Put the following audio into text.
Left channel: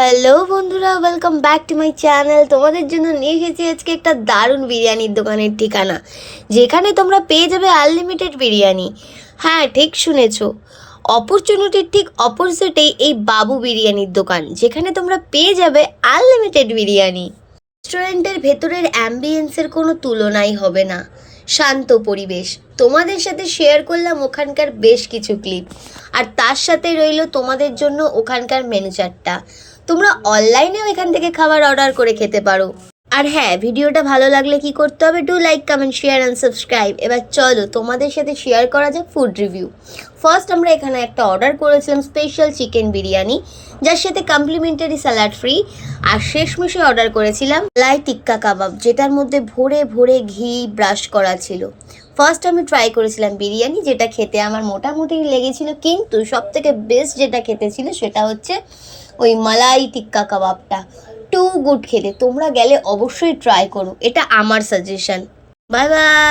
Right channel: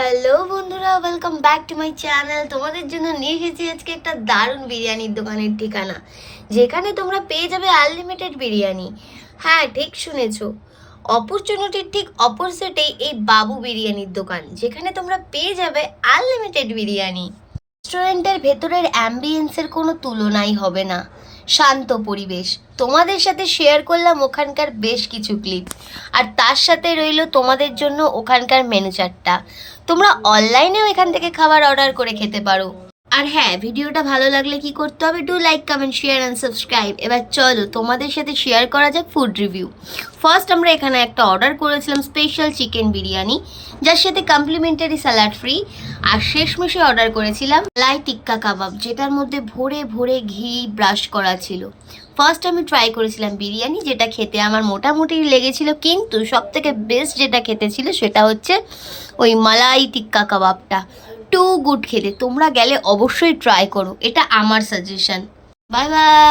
Hello বন্ধুরা, welcome back to my channel. তোমাদের জন্য নিয়ে এসেছি আজকে একটা দারুণ বিরিয়ানির দোকানের ঠিকানা, যেখানে তোমরা পেয়ে যাবে আনলিমিটেড বিরিয়ানি। হ্যাঁ, ঠিক শুনেছো, অপরচুনিটির ঠিক অপোজিটেই এই বাবু বিরিয়ানির দোকান, যেখানে তোমরা পেয়ে যাবে আনলিমিটেড বিরিয়ানি। রেস্টুরেন্টের ভেতরের অ্যাম্বিয়েন্সের কোনো তুলনাই হবে না। শান্ত পরিবেশ, তোমাদের সাথে শেয়ার করলাম ওখানকার বেশ কিছু ক্লিপ, আর তার সাথে রইল তোমাদের জন্য ওখানকার মেনু চার্টটা। তোমরা অনলাইনেও এখান থেকে খাবার অর্ডার করে খেতে পারো। আর হ্যাঁ, ভিডিওটা ভালো লাগলে কি করতে হবে, do like, comment, share and subscribe. এবার চলো তোমাদের সাথে শেয়ার করা যাক ফুড রিভিউ। ফার্স্ট আমরা এখানে একটা অর্ডার করেছিলাম স্পেশাল চিকেন বিরিয়ানি, যার সাথে কমপ্লিমেন্টারি স্যালাড ফ্রি। আর শেষমেশে অর্ডার করেছিলাম লাই টিক্কা কাবাব, যেটার মধ্যে ভরে ভরে ঘি ব্রাশ করা ছিল। ফার্স্ট আমি ট্রাই করেছিলাম বিরিয়ানি, যেটা খেতে আমার মোটামুটি লেগেছিল, কিন্তু সবথেকে বেস্ট যেটা খেতে ছিল সেটা হচ্ছে ওই মালাই টিক্কা কাবাবটা। টু গুড খেতে, তোমরা গেলে অবশ্যই ট্রাই করো, এটা আমার সাজেশন। Bye bye.